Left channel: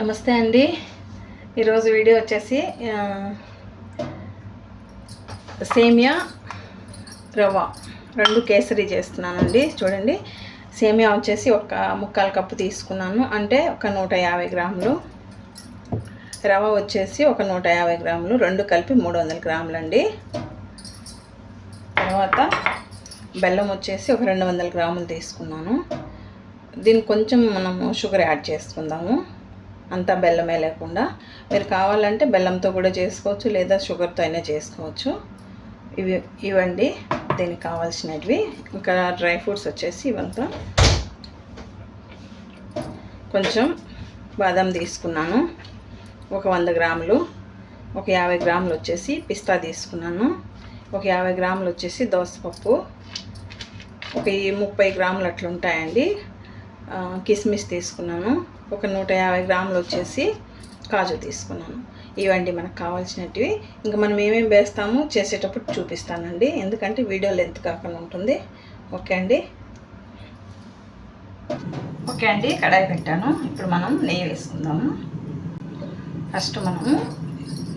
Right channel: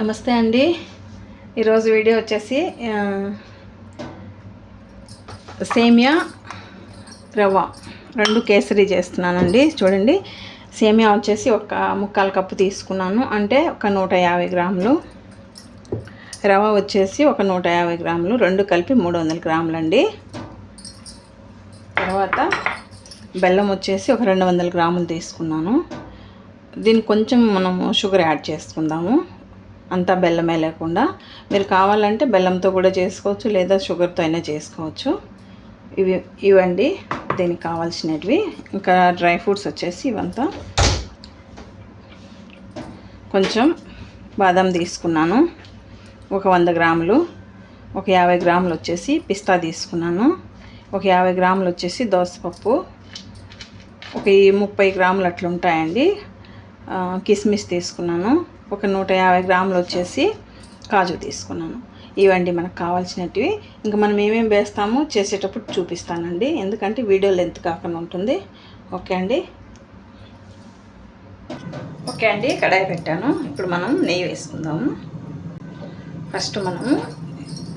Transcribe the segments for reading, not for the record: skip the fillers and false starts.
నమస్తే అండి. ఈరోజు వీడియో వచ్చేసి సేమియా రవ్వ రెండు కేసరి చేస్తున్నానండి. చూడండి, సేమియా వచ్చేసి ఒక 1/4 కప్పు తీసుకున్నాను, అంటే ఒక 150 గ్రాములు. రవ్వ వచ్చేసి ఒక 150 గ్రాములు, రెండు కలిపి 300 గ్రాములు అండి. తర్వాత బెల్లం వచ్చేసి ఒక 200 గ్రాములు తీసుకున్నాను. దీనికి కొంచెం మనము షుగర్ యాడ్ చేసుకుందాము, అంతా బెల్లమే లేకుండా. మీరు కావాలంటే బెల్లంతో కూడా చేసుకోవచ్చు, లేదా షుగర్తో అయినా చేసుకోవచ్చు. ఇవండి దీనికి కావాల్సినవి. ఇంకా డ్రై ఫ్రూట్స్ వచ్చేసి ఇవంతా. కొంచెం బాదం తీసుకున్నాను, ఒక 100 గ్రాములు. ఒక 50 గ్రాములు వచ్చేసి పిస్తా తీసుకున్నాను. ఒక 50 గ్రాములు వచ్చేసి దోసపప్పు. ఒక 30 గ్రాములు అట్లా ఉంటాయండి కిస్మిస్ తీసుకున్నాను. ఒక 150 గ్రాములు వచ్చేసి కాజు తీసుకున్నాను. ఇవండి మనకు కావాల్సినవి. ఇంకా మనం ఏమేమి వేస్తామో చేసేటప్పుడు చూపిస్తానండి, ఎందుకంటే వీడియో లెంత్ కాకుండా ఉంటుంది. ఓకే అండి, కడాయి పెట్టాను. ఇప్పుడు మనం నెయ్యి వేసుకుందాము. ఫస్ట్ మనము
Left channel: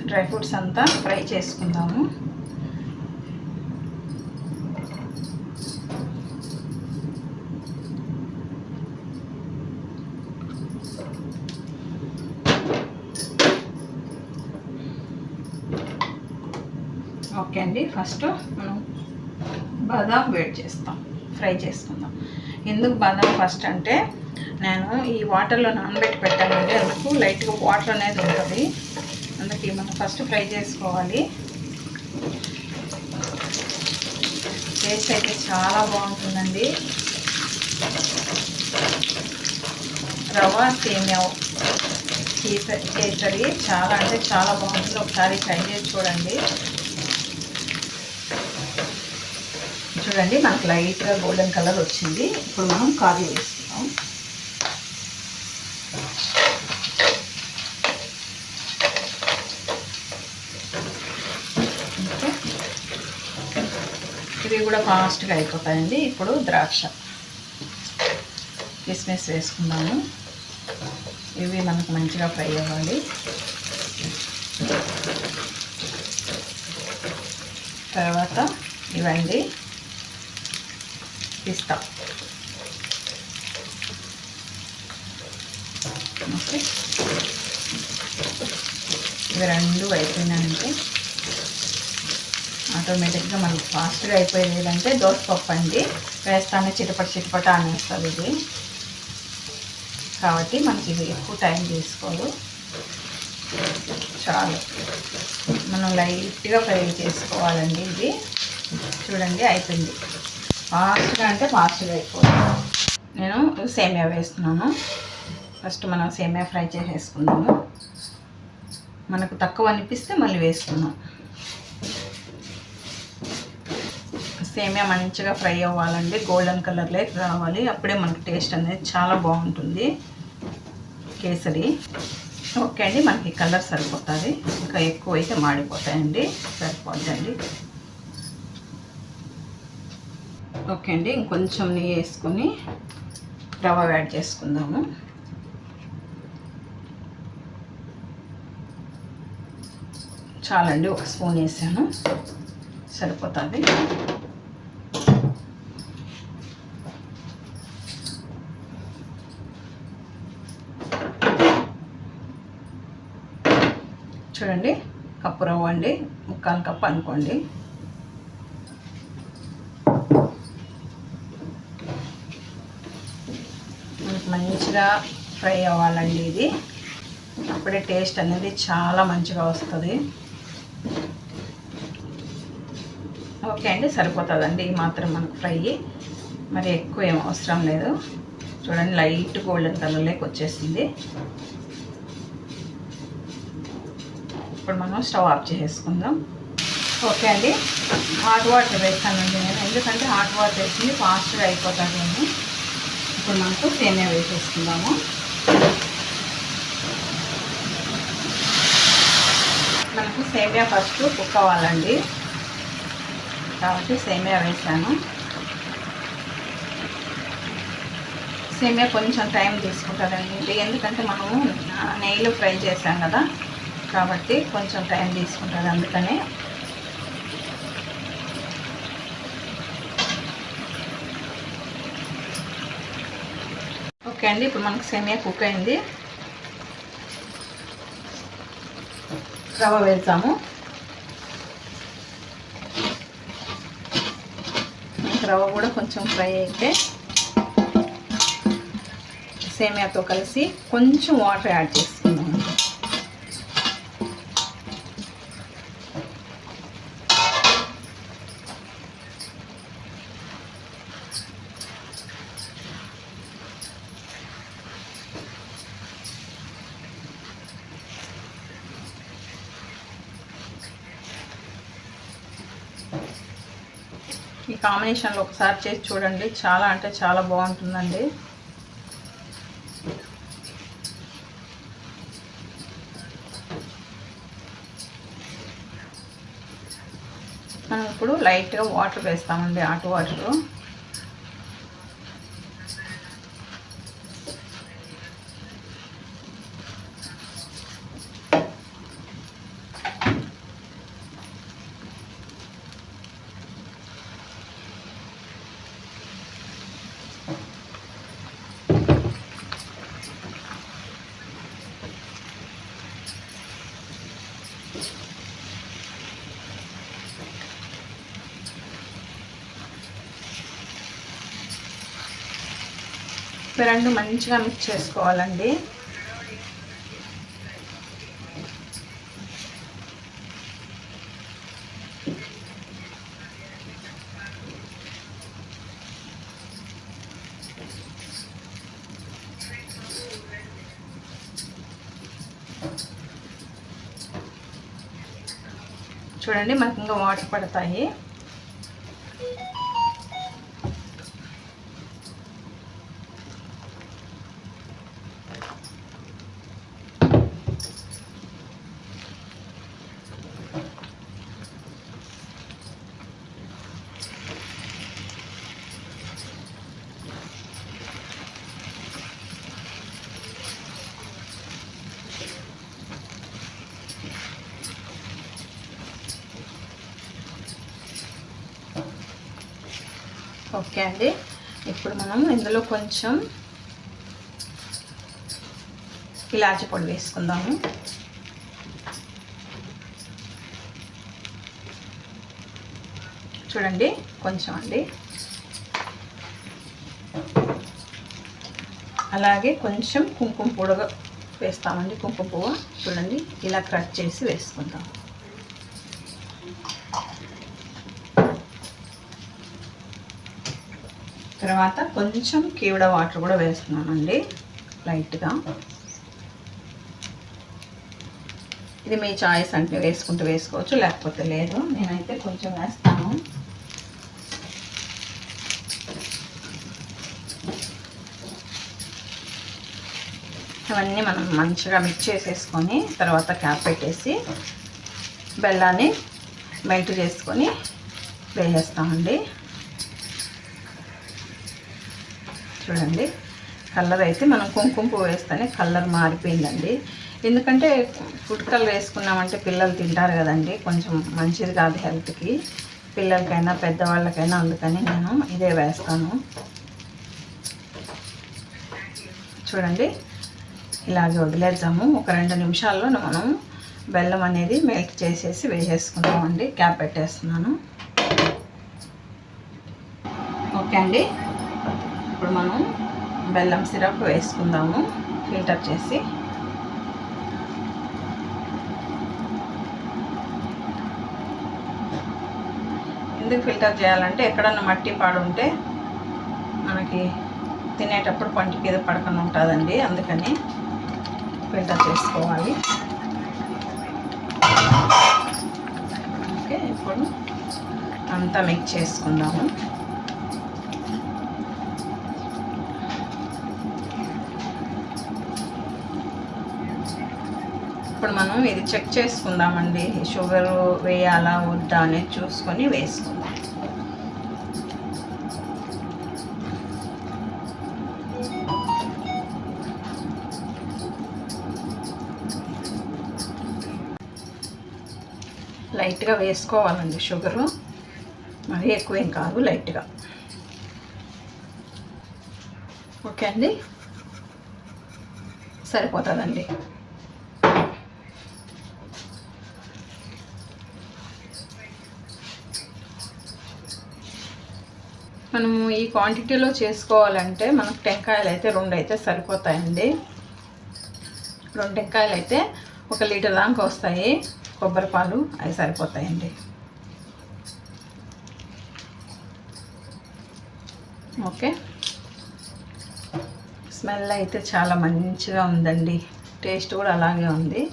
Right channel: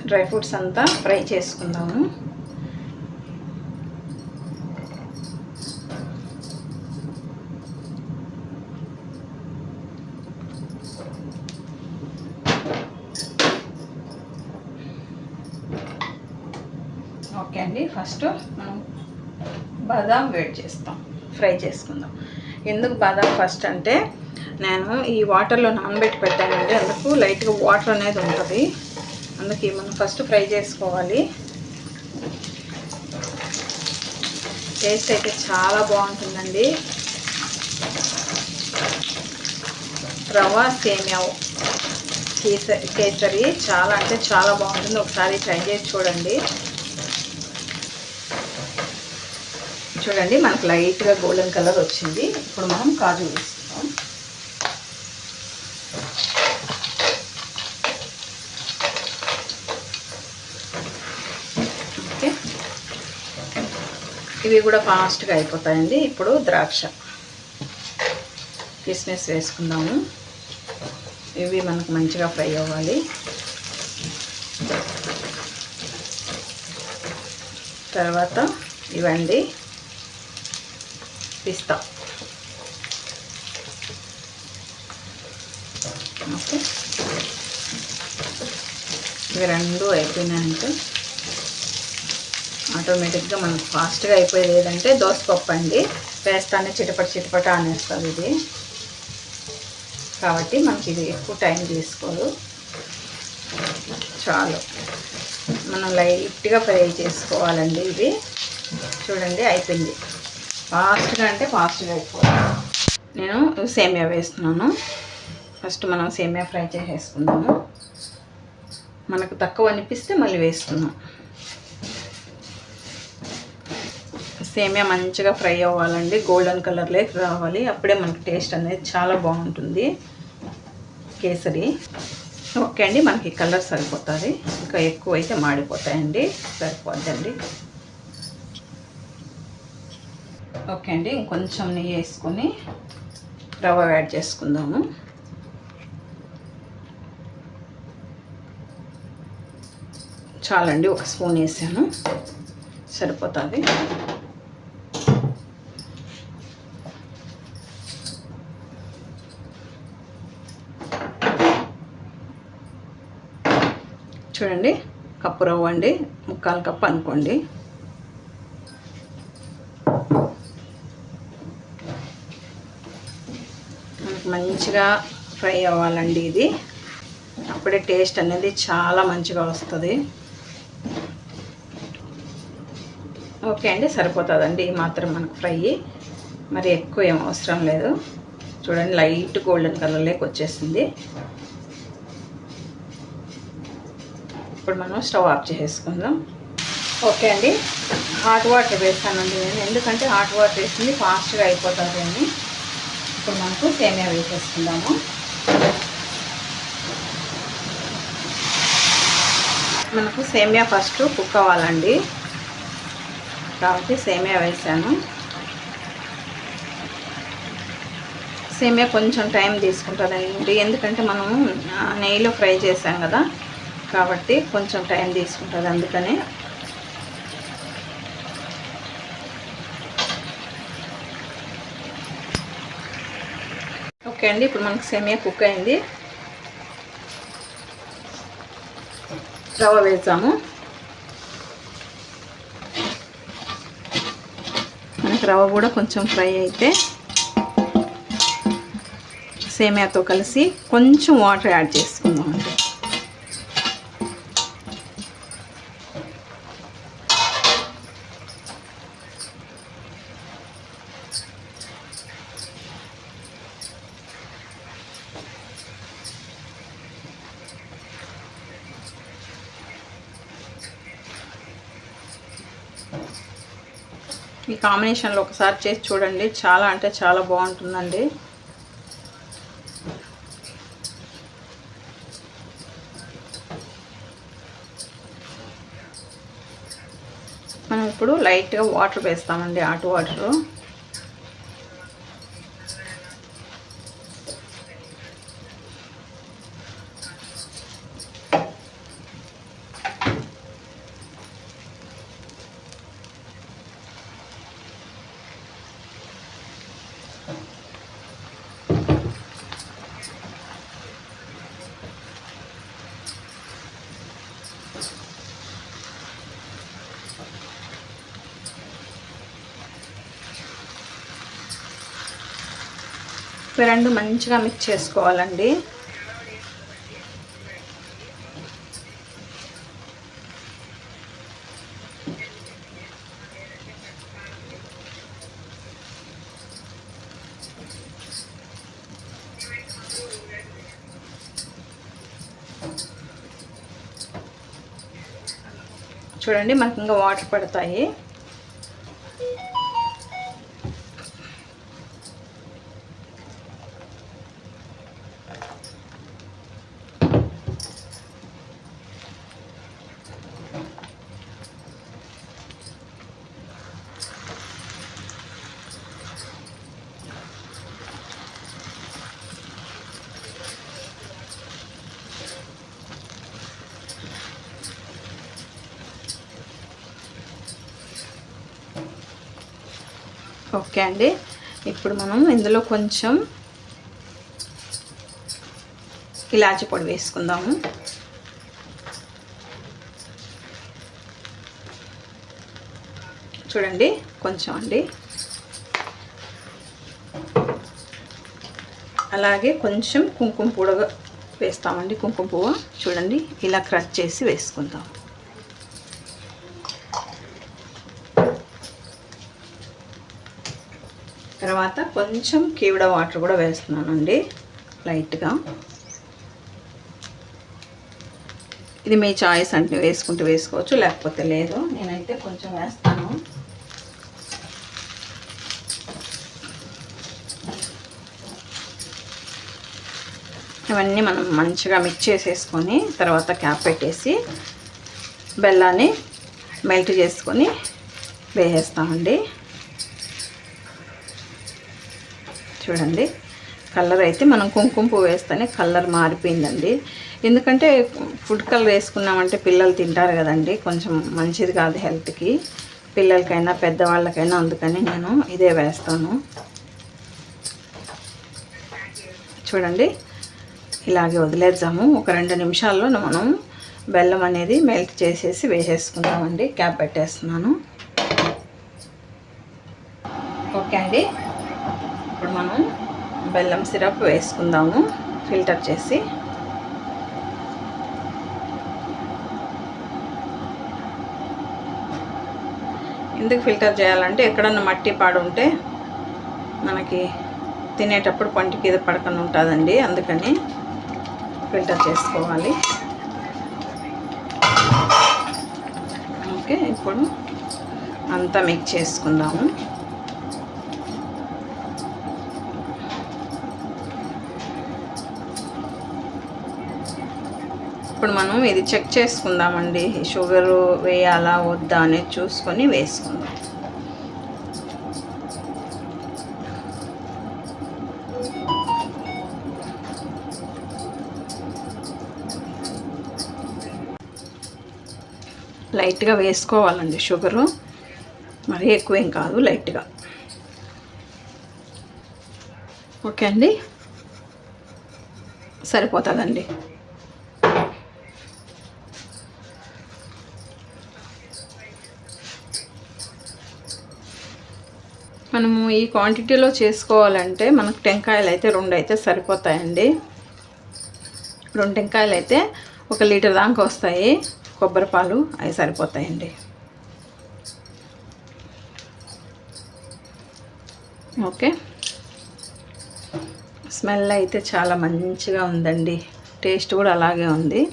డ్రై ఫ్రూట్స్ అంతా ఫ్రై చేసుకుందాము. ఓకే అండి, ఫస్ట్ మనం బాదాం ఫ్రై చేసుకుందాం. ఎందుకు బాదాం ఫస్ట్ అంటే, నేను ఈ వాటర్లో నానబెట్టి పెట్టానంటే అందుకు లైట్గా వాటర్ అనేది ఉంటుంది, అందుకే మనం ఫస్ట్ ఫ్రై చేసుకోవాలి. టేస్ట్ అయితే చాలా బాగుంటుందండి. రవ్వ సేమియా కేసరి చాలా అంటే చాలా బాగుంటుంది. ఒకసారి ట్రై చేసి చూడండి. చూడండి, మనకు లైట్గా గోల్డెన్ కలర్ వచ్చింది. ఇప్పుడు మనం కాజు వేసుకుందాం. ఓకే, ఇవి కూడా ఫాస్ట్గా అయిపోతాయండి. ఇప్పుడు ద్రాక్ష కిస్మిస్ వేసుకుందాము. ఇవి మనకు మంచిగా ఫ్రై అవ్వాలి. తర్వాత ఇవండి పిస్తా. ఓకే, ఇవి రెండు అయిపోయినాయంటే ఆటోమేటిక్గా మనకు ఫాస్ట్గా అయిపోయేది ఏదంటే దోసపప్పు అండి. వేస్తానే చిటపట అనేస్తుంది ఇది, కాబట్టి మనకి ఇది ఎక్కువ టైం తీసుకోదు. చాలు, మనం లైట్గా ఫ్రై చేసుకోవాలండి. ఇది చూడండి అయిపోయింది. ఫాస్ట్గా అంటే ఫాస్ట్గా అయిపోతుంది. నేను సేమియా వేస్తున్నాను. ఫస్ట్ మనం సేమియా ఫ్రై చేసేసుకుందాము. మనకు తక్కువ అనిపిస్తే మళ్ళీ వేసుకుందాం. సేమియా మంచిగా ఫ్రై అవ్వాలండి, గోల్డెన్ కలర్లోకి రావాలి. అప్పుడే మనకు టేస్ట్ అనేది చాలా బాగుంటుంది కేసరి. ఓకే అండి, మనకి కలర్ సరిపోతుంది. ఇంకా ఎక్కువ అయితే మాడిపోతాయండి, సరిపోద్దండి. ఓకే అండి, ఇంకొంచెం నెయ్యి వేసుకొని రవ్వ యాడ్ చేసుకుందాము. చాలండి, ఒక స్పూన్ వేసాను, సరిపోతుంది. చూడండి, కప్పు రవ్వ అండి, 1/4 కప్పు అనుకోండి. మంచిగా ఫ్రై అవ్వాలండి ఇది, అప్పుడే టేస్ట్ అనేది చాలా మంచిగా వస్తుంది. ఓకే అండి, సరిపోతుందండి. ఈ మాత్రం మనకు ఫ్రై, మరి ఎక్కువ ఏం అవసరం లేదు. చూడండి, లైట్ గోల్డెన్ కలర్లోకి వచ్చేసింది. ఇప్పుడు మనం స్టవ్ ఆఫ్ చేసేసుకుందాం. ఓకే అండి, హాట్ వాటర్ వేస్తానండి నేను, ఎందుకంటే హాట్ వాటర్ వేసింది ఫాస్ట్గా అయిపోతుంది అని. ఇప్పుడు మనకు సేమియా వేసేసుకుందాము. మనకు సేమియా ఫస్ట్ కుక్ అవ్వాలండి, కాబట్టి సేమియా వేసాను. సేమియా కొంచెం టైం తీసుకుంటుందండి, ఎందుకంటే మనము నెయ్యిలో ఫ్రై చేసాం కదా, కాబట్టి కొంచెం టైం తీసుకుంటుంది అందుకనే. ఓకే అండి, ఇప్పుడు మనకు సేమియా కుక్ అయింది. రవ్వ వేద్దాము. మనకు రవ్వ కూడా కొంచెం ఫ్రై అయితే సేమియాతో కలిసి కొంచెం వాటర్ యాడ్ చేసుకుందాం. అంటే ఈ కాంబినేషన్లో ఒకసారి చేసి చూడండి, చాలా అంటే చాలా బాగుంటుందండి. మనం ఇప్పుడు లైట్గా వాటర్ వేస్తామండి, హాట్ వాటరు. రెండు మంచిగా మిక్స్ చేసుకోవాలండి. చూడండి, మనకు ఇంకా వాటర్ పడతాయి. ఓకే అండి, ఇప్పుడు మనం ఇందులో కొంచెం ఇలాచి పొడి వేసుకుందాము. చూడండి, కొంచెం అండి. అలాగే కొంచెం కుంకుమ పువ్వు వేస్తామండి. కుంకుమ పువ్వు చూడండి, ఇలా క్రష్ చేసి వేసుకుందాం. తర్వాత కొంచెం కీవిడ వాటర్ కూడా వేస్తున్నానండి, లైట్గా. ఇది మీ చాయిస్ అంటే వేసుకుంటూ వేసుకోవచ్చు, లేకపోతే లేదు. నేనైతే కొంచెం వేస్తాను. ఇవన్నీ మనం మంచిగా మిక్స్ చేసేసుకొని తర్వాత క్యాప్ పెట్టేసి బెల్లాన్ని మెల్ట్ చేసుకొని వేసేస్తామండి. చూడండి, కలర్ అయితే మనం కుంకుమ పువ్వు వేస్తేనే కలర్ మారిపోయిందండి. ఎందుకంటే ఫుడ్ కలర్ వేసుకున్నామంటే పిల్లలు తింటారు కదండి, కొంచెం మంచిది కాదు హెల్త్కి, పిల్లలకైనా పెద్దవాళ్ళకైనా. అందుకని నేను ఇదే వేస్తాను. చూడండి, ఇలాగే వదిలేద్దాము. ఒక 2 నిమిషాల్లో మనం బెల్లం అనేది మెల్ట్ చేసేసి వేసేసుకుందామండి. క్యాప్ పెట్టేస్తున్నాను. ఓకే అండి, ఇప్పుడు మనం బెల్లం సిరప్ వేసుకుందాము, ఫిల్టర్ చేసి. ఎందుకు ఫిల్టర్ చేయాలంటే ఎక్కడన్నా మట్టి పాడు ఉంటే మనకి తినేటప్పుడు పంటికి మీద పడకుండా ఉంటుందండి, అందుకని ఫిల్టర్ చేసుకోవాలి. ఓకే, ఇప్పుడు అంతా మిక్స్ చేసుకుందాము. ఇప్పుడు మనం ఇది చెక్ చేసుకుందామండి, షుగర్ వేయాలా వద్దా అనేది చూసుకొని వేసుకుందాం. లైట్గా వేసుకోవాలండి షుగరు, మరీ ఎక్కువేం కాదు, లైట్గా. ఓకే అండి, సరిపోతుందండి. మనము ఈ క్వాంటిటీలో చేసుకోవాలంటే మనకు టెంకాయలు అయితే 2 అయితే సరిపోతాయండి. 2 టెంకాయలు అయితే 1 లీటర్ దాకా వస్తాయి. కొబ్బరి పాలు అవి సరిపోతాయండి. ఓకే, స్మెల్ అయితే చాలా మంచిగా ఉందండి, టేస్ట్ కూడా అలాగే ఉంది.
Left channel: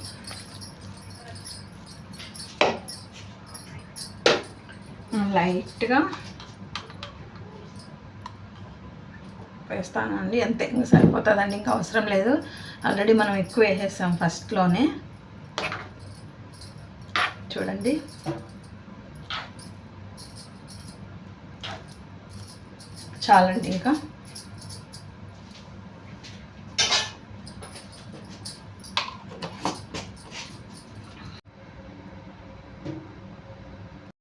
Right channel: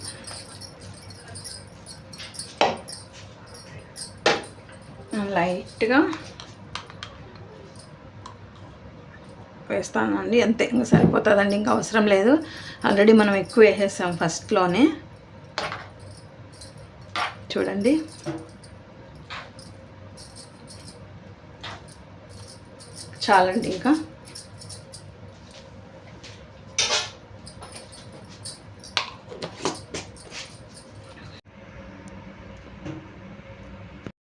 లైట్గా వేస్తానండి, అంతే, ఇంకా సరిపోతుందండి, ఇంకా అవసరం లేదు. ఆల్రెడీ మనం ఎక్కువ వేసేసాం ఫస్ట్లోనే. చూడండి, చాలండి ఇంకా.